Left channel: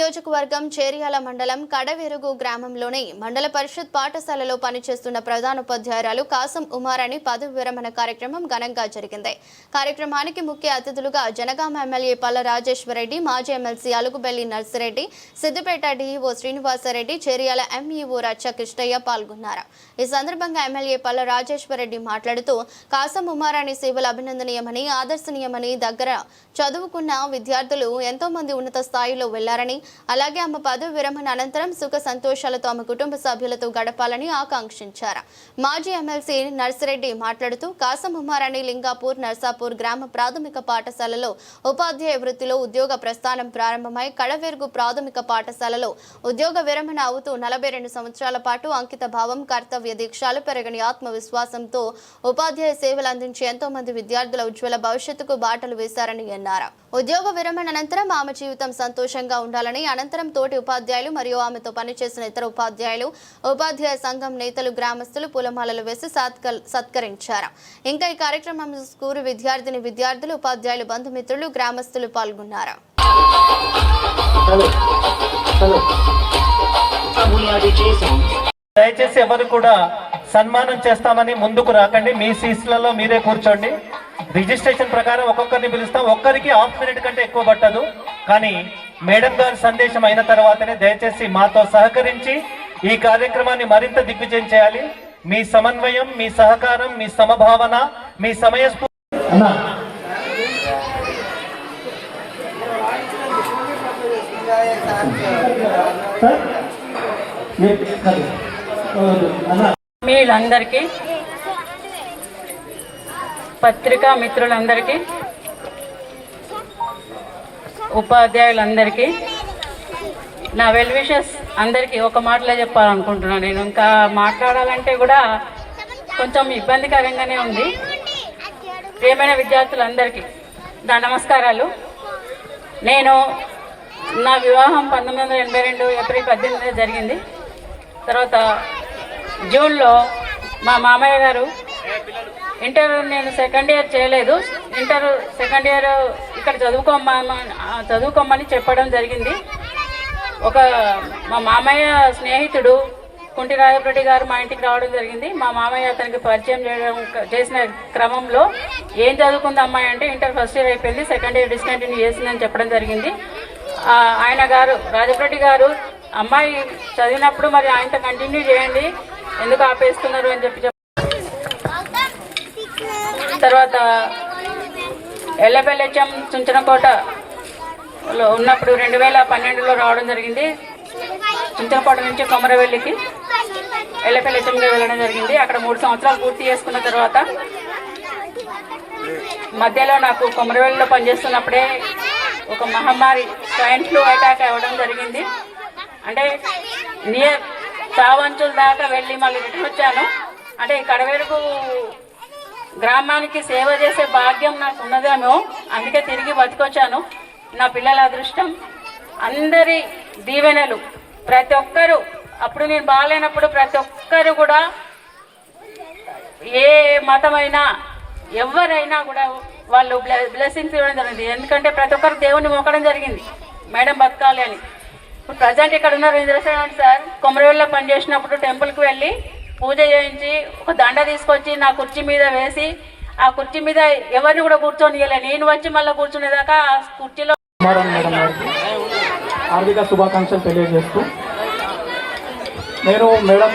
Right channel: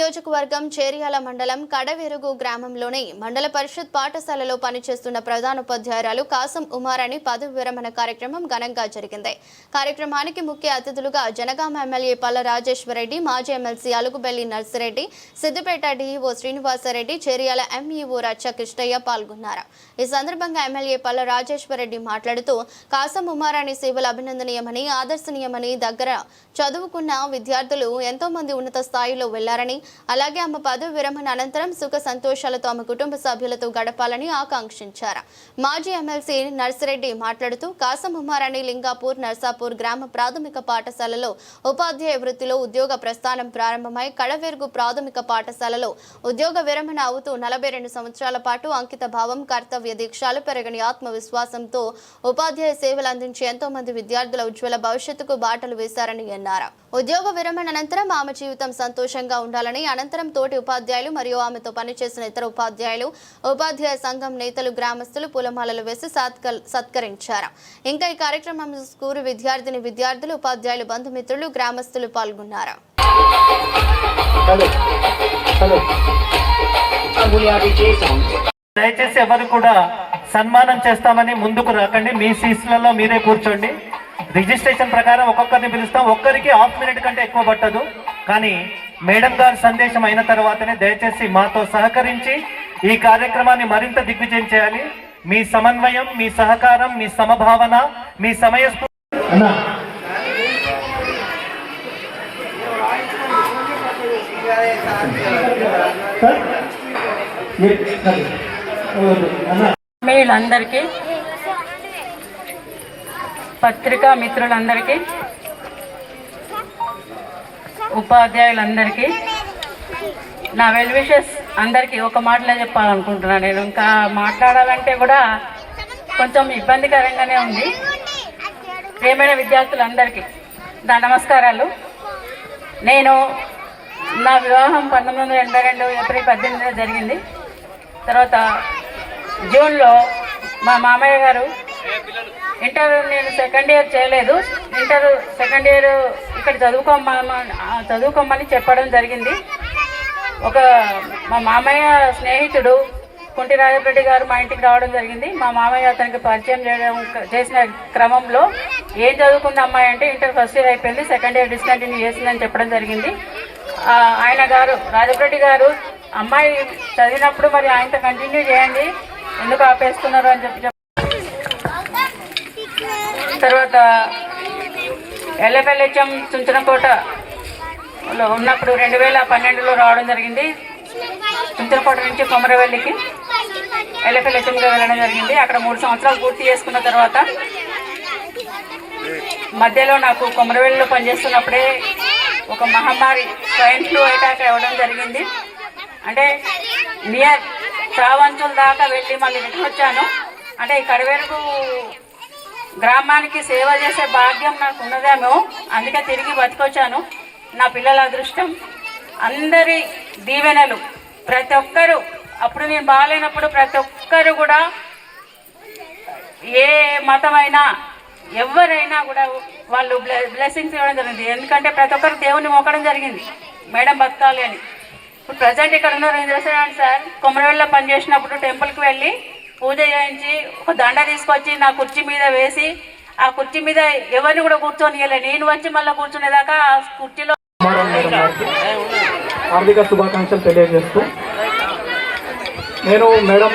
నియోజకవర్గం చేర్యాల మండలం కడవెరుగు గ్రామంలోని మండల పరిషత్ పాఠశాలలో పనిచేస్తున్న ప్రధానోపాధ్యాయురాలు కాసం ఉమారాణి పదవి విరమణ కార్యక్రమం ఘనంగా జరిగింది. కార్యక్రమానికి ముఖ్య అతిథులుగా జనగామ ఎమ్మెల్యే పల్ల రాజేశ్వరరెడ్డి, మాజీ MLC Alugubelli Narsi Reddy, Siddipet DEO Srinivasa Reddy, Cheriyal MEO Raccha Krishnaiah పాల్గొన్నారు. ఈ సందర్భంగా ఎమ్మెల్యే పల్ల రాజేశ్వరరెడ్డి మాట్లాడుతూ కాసం ఉమారాణి సేవలు అభినందనీయమని, ఆదర్శనీయమని, దగ్గర చదువుకున్న విద్యార్థులు ఎంతో మంది ఉన్నత స్థాయిలో వెళ్లారని, అలాగే ఆమె పదవి విరమణ అనంతరం సుఖ సంతోషాలతో ఆమె కుటుంబ సభ్యులతో గడపాలని ఆకాంక్షించారు. మాజీ ఎమ్మెల్సీ నర్సిరెడ్డి మాట్లాడుతూ కాసం ఉమారాణి లింగాపూర్ నర్సాపూర్ గ్రామ ప్రాథమిక పాఠశాలలో ఉపాధ్యాయ వృత్తిలో ఉద్యోగ ప్రస్థానం ప్రారంభమై కడవెరుగు ప్రాథమిక పాఠశాలలో ఉద్యోగ విరమణ అవుతూ 42 సంవత్సరాల పాటు అంకిత భావం, కర్తవ్య దీక్షలు, పెరగని ఆత్మవిశ్వాసంతో ఉపాధ్యాయ సేవలు అందించి ఎంతో మంది విద్యార్థుల ఉజ్వల భవిష్యత్తుకు బాటలు వేశారని అన్నారు. ఉద్యోగ విరమణ అనంతరం ఆమె జీవితం సంతోషంగా ఉండాలని, అనంతరం తోటి ఉపాధ్యాయులు మరియు ఆమెతో పనిచేసిన ఇతర ఉపాధ్యాయులు, ఉపాధ్యాయ సంఘం నేతలు, గ్రామస్తులు పూలమాలలు వేసి సత్కరించారు. ఇంకా ఈ కార్యక్రమం స్కూలు విద్యార్థులు, ఉపాధ్యాయులు, బంధుమిత్రులు, గ్రామస్తులు పాల్గొన్నారు. దయచేసి ఎవరు కూడా సన్మానం చేస్తామని ముందుకు రాకండి. మీ సీట్లలో మీరే కూర్చోండి. రిజిస్ట్రేషన్ ప్రకారం ఒక్కొక్కరిని పిలుస్తాం. ఒక్కరికి హాఫ్ మినిట్ కంటే ఎక్కువ పట్టదు. కానీ మేడం గారి సందేశం అయిన తర్వాతనే దయచేసి మాతో సహకరించి ఈ కార్యక్రమాన్ని మరింత దిగ్విజయం చేయాలి. మీ సమన్వయం, మీ సహకారం, మీ సమభావన, మీ సమయస్ఫూర్తి. మీలందరికీ, పత్రికా మిత్రులందరికీ, ఉపాధ్యాయులందరికీ, నా వెల్ విషెస్ అందరికీ ఒక మాటలో చెప్పాలనుకుంటున్నాను. నేను ఇంకా మాట్లాడాలంటే కూడా కొంచెం ఇబ్బందికరంగానే ఉంది. ప్రియమైన విద్యార్థులందరికీ నా నమస్కారాలు. నా వివాహం 1982 ఏప్రిల్ 18 జరిగింది. తర్వాత జూన్లో మా మామయ్య గారు ఇంటర్ నేను సెకండ్ ఇయర్ చేయలేదు. ఇంటర్ సెకండ్ ఇయర్ ఇక్కడ చదువుకోమని చెప్పడం జరిగింది. మా మామయ్య స్నేహితుడు కుంటి రాజరెడ్డి గారు మా ఇంటికి రావడం జరిగింది. మా మామయ్య అతనికి పరిచయం చేసిన క్రమంలో ఏం చదువుకుంది అమ్మాయి అంటే ఇంటర్ ఫస్ట్ ఇయర్ అయిపోయింది, సెకండ్ ఇయర్ డిస్కంటిన్యూ చేసిందని చెప్పడం జరిగింది. ఆయన గారు రాజరెడ్డి గారు, అమ్మాయి చదివినప్పుడు మరి ఆయనతో కంటిన్యూ చేయండి, ఎందుకు ఆపేస్తున్నారు అని చెప్పి తర్వాత ఎల్లబెల్లెచ్చం చుంచనకోటలో ఉన్నప్పుడు 2012లో రావడం జరిగింది. చుంచనకోట నుంచి కొమరవెల్లికి ఎల్లబెల్లెచ్చంగా వెళ్ళడం జరిగింది. అక్కడ 3 సంవత్సరాలు పూర్తి చేసుకున్న తర్వాత మధ్యలో నాకు కొమరవెల్లిలో పనిచేస్తున్నప్పుడే ఒక మహమ్మారి స్వైన్ ఫ్లూ అటాక్ అవ్వడం జరిగింది. అంటే నియర్ చావంచుల దాకా వెళ్ళి మళ్ళీ రిటర్న్ వచ్చాను. అంటే ఈ కడవెరుగు గ్రామానికి సేవ చేసే భాగ్యం నాకు ఉన్నదేమో, అందుకే తిరిగి బతికొచ్చాను. నా పిల్లల అదృష్టం, అందరి దీవెనలు, ప్రతి ఒక్కరు అప్పుడు నేను బాగాలేనప్పుడు ప్రతి ఒక్కరు కూడా ఏ మతమైనా ఎవరైనా కూడా వాళ్ళు బ్లెస్సింగ్స్ ఇవ్వడం జరిగింది. ఎందుకంటే ప్రతి ఒక్కరు దేవుని మొక్కడం జరిగింది మేడం బతకాలి అని. ఇప్పుడు ప్రజెంట్ ఇక్కడ ఉన్న రిజర్వేషన్ సార్ కొమరవెల్లిలో పనిచేసినప్పుడు టెంపుల్కి వెళ్ళి పూజ చేయించి ఒక దండ తీసుకొచ్చి నా కుర్చీ మీద వేసి, ఆ కుర్చీ మీద ఎవరిని కూడా కూర్చొనియలే, నేను వచ్చి మళ్ళీ కూర్చునేదాకా ఆ కుర్చీలో. హార్దిక శుభాకాంక్షలు తెలియజేస్తూ, నేను మేడం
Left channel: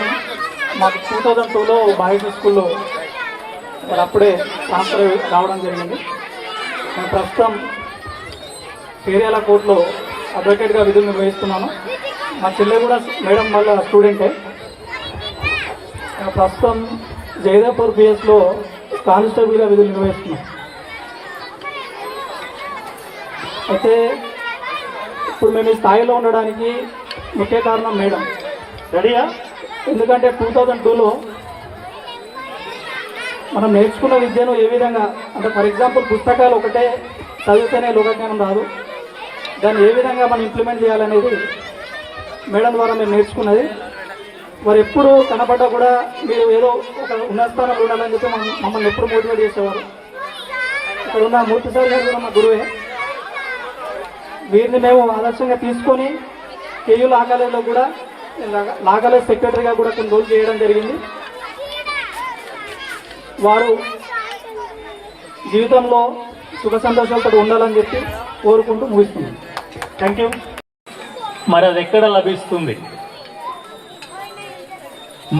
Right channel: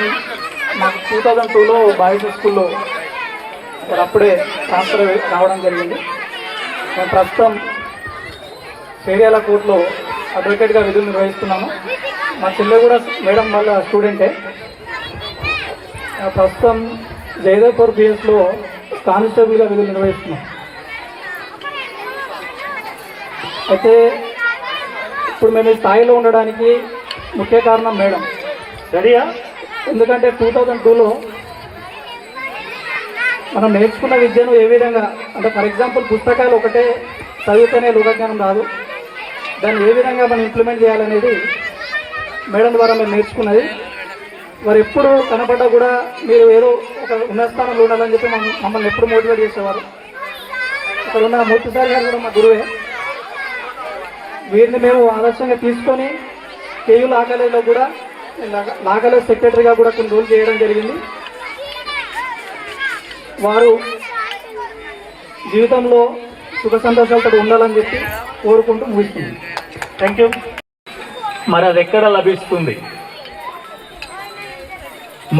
మాకు 2002లో బాయ్స్ స్కూల్లో అప్పుడే ట్రాన్స్ఫర్ రావడం జరిగింది. నేను ప్రస్తుతం చేర్యాల కోర్టులో అడ్వకేట్గా విధులు నిర్వహిస్తున్నాను. మా పిల్లలు కూడా మేడం వాళ్ళ స్టూడెంటే. ప్రస్తుతం జైదాపూర్ పిఎస్లో కానిస్టేబుల్గా విధులు నిర్వహిస్తున్నాను. అయితే ఇప్పుడు మేము ఈ స్థాయిలో ఉండడానికి ముఖ్య కారణం మేడం. రెడీయా? ఎందుకంటే 2002లో మనం నేర్చుకున్న విద్యను ఏ విధంగా, అంటే ఫర్ ఎగ్జాంపుల్ పుస్తకాలు ఒకటే చదివితేనే లోకజ్ఞానం రాదు, దాన్ని ఏ విధంగా మనం ఇంప్లిమెంట్ చేయాలనేది మేడం ద్వారా మేము నేర్చుకున్నది. వారు ఎప్పుడు కనపడ్డా కూడా మీరు ఏదో ఒక ఉన్నత స్థానంలో ఉండాలని చెప్పి మమ్మల్ని ఎప్పుడు మోటివేట్ చేసేవారు. ఇక్కడ ఉన్న మూర్తి సార్ గారు కూడా మా గురువే. వీరిని మేము ఆదర్శంగా తీసుకొని కేయూ లా కాలేజ్లో కూడా లా కాలేజ్ సెక్రటరీగా కూడా కొన్ని రోజులు చేయడం జరిగింది. వారు జీవితంలో సుఖ సంతోషాలతో ఉండాలని చెప్పి కోరుకుంటూ ముగిస్తున్నాను. Thank you. మరి అది ఎక్కడ లభిస్తుంది?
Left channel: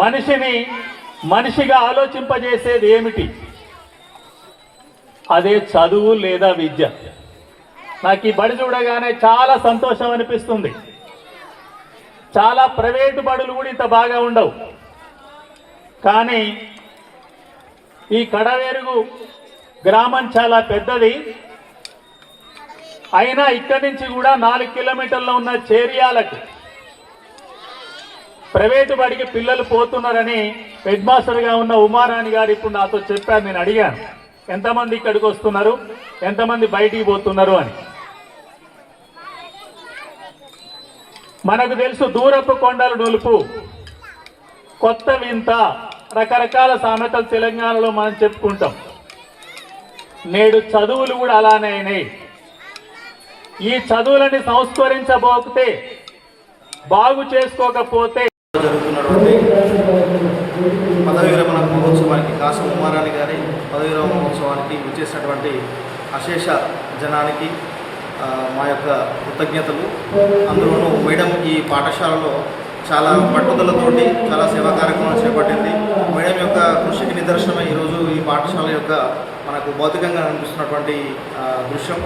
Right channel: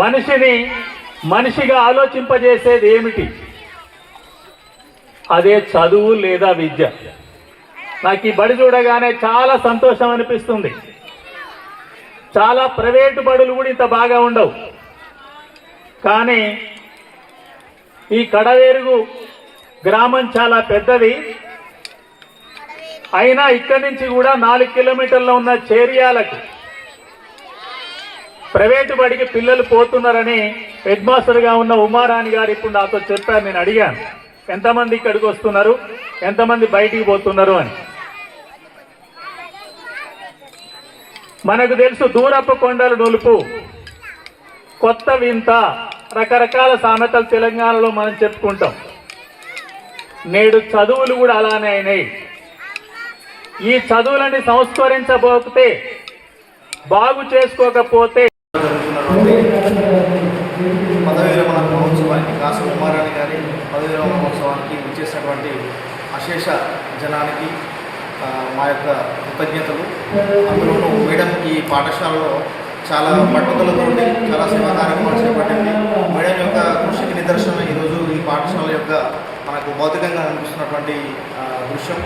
మనిషిని మనిషిగా ఆలోచింపజేసేది ఏమిటి? అదే చదువు లేదా విద్య. నాకు ఈ బడి చూడగానే చాలా సంతోషం అనిపిస్తుంది. చాలా ప్రైవేటు బడులు కూడా ఇంత బాగా ఉండవు, కానీ ఈ కడవేరుగు గ్రామం చాలా పెద్దది. అయినా ఇక్కడి నుంచి కూడా 4 కిలోమీటర్ల ఉన్న చేరియాలకు ప్రైవేటు బడికి పిల్లలు పోతున్నారని హెడ్ మాస్టర్గా ఉన్న ఉమారాణి గారు ఇప్పుడు నాతో చెప్పారు. నేను అడిగాను, ఎంతమంది ఇక్కడికి వస్తున్నారు, ఎంతమంది బయటికి పోతున్నారు అని. మనకు తెలుసు, దూరపు కొండలు నులుపు, కొత్త వింత, రకరకాల సామెతలు తెలంగాణలో మనం చెప్పుకుంటాం. నేడు చదువులు కూడా అలానే అయినాయి. ఈ చదువులని సంస్కరించబోతే, బాగు చేసుకోకపోతే జరుగుతున్నటువంటి పదవి విరమణ మహోత్సవానికి, కాసం ఉమారాణి గారి పదవి విరమణ మహోత్సవానికి విచ్చేసినటువంటి అశేష జనానికి మా యొక్క కృతజ్ఞతలు. అందులోనూ మేడం ఈ పాఠశాలలో చాలా పట్టుదలతోటి చాలా సేవా కార్యక్రమాలు చేపట్టింది. మేడం యొక్క కృషికి నిదర్శనమే ఈరోజు ఈ పాఠశాల యొక్క మనకు భౌతికంగా అనిపిస్తున్నటువంటి దృశ్యం.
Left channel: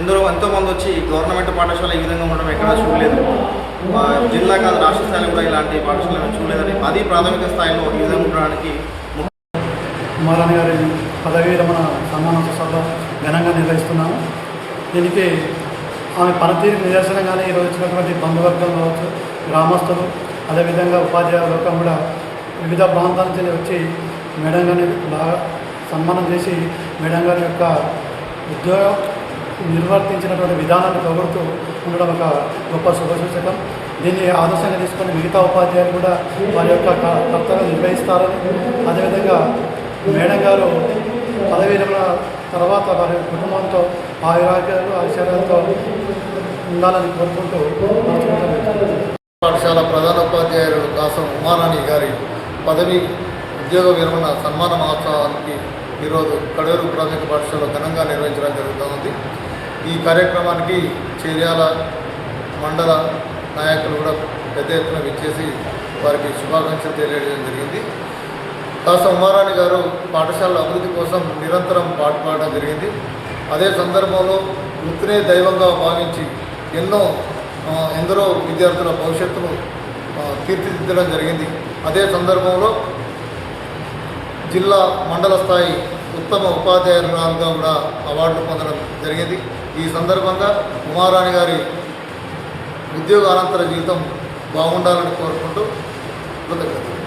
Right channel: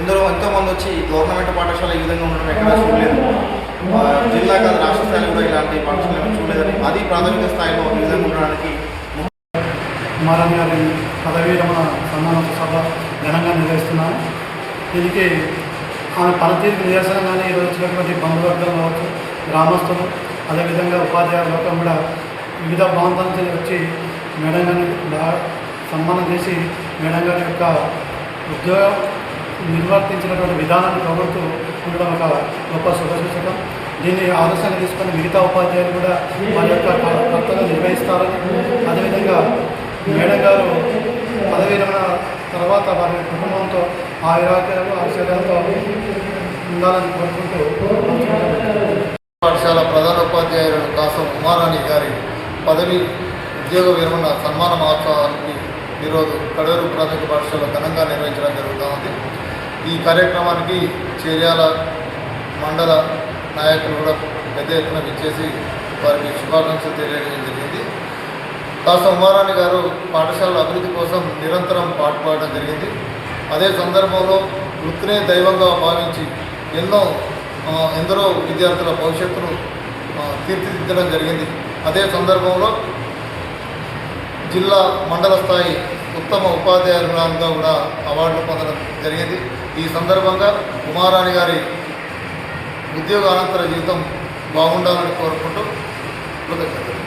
ఎంతోమంది వచ్చి గవర్నమెంట్ పాఠశాల ఈ విధంగా ఉండడం ఎక్కడా చూడలేదు. జిల్లా కాదు, రాష్ట్ర స్థాయిలో కూడా ఇలాంటి పాఠశాలను చూడలేదని, అది ప్రాథమిక స్థాయిలో ఈ విధంగా ఉండడానికి ఉమారాణి గారి పదవీ విరమణ సన్మానోత్సవ సభ ఘనంగా నిర్వహిస్తున్నాము. దీనికి ఆమె పనితీరుకు నిదర్శనంగానే ఈరోజు వచ్చినటువంటి బంధువర్గం కావచ్చు, గ్రామస్తులు, అదేవిధంగా ఉపాధ్యాయుల లోకం కూడా వివిధ ప్రాంతాల నుంచి వచ్చి మేడం గారిని బాగా సన్మానం చేసి మేడం గారి యొక్క ఉద్యోగం నిర్వర్తించినటువంటి విధానాన్ని పొగుడుతూ ఉండడం ఒక గొప్ప శుభసూచకం. దీన్ని ఆదర్శంగా తీసుకొని మిగతా ఉపాధ్యాయులు కూడా వారి యొక్క కర్తవ్యం నిర్వహిస్తారని, అదేవిధంగా మేడం గారు పదవీ విరమణ తర్వాత వారి కుటుంబంతో ఆయురాగ్యాలు ఐశ్వర్యాలతో ఉండాలని కోరుకుంటూ పాఠశాల ప్రధానోపాధ్యాయులు కాసం ఉమారాణి గారి పదవి ఉద్యోగ విరమణ సన్మాన మహోత్సవానికి ఈరోజు కడూరు ప్రాథమిక పాఠశాలలో ఘనంగా నిర్వహించడం జరుగుతూ ఉంది. ఈ కార్యక్రమానికి చేర్యాల మండల నాయకులు కూడా పెద్ద ఎత్తున విచ్చేసి వారికి శుభాకాంక్షలు తెలియజేయడం జరిగింది. కాసం ఉమారాణి గారు పాఠశాల అభివృద్ధి కోసం నిరంతరం పాటుపడడం జరిగింది. అదే సందర్భంలో వృత్తినే దైవంగా భావించి ఎందరో విద్యార్థుల భవిష్యత్తును తీర్చిదిద్దడం జరిగింది. అదే సందర్భంలో జిల్లా మండల స్థాయి ఉత్తమ ఉపాధ్యాయురాలుగా కూడా అవార్డులు పొందడం జరిగింది. ఈ సందర్భంగా ఉమారాణి గారి ఉద్యోగానంతర జీవితం బాగుండాలని కోరుకుంటూ కృతజ్ఞతలు.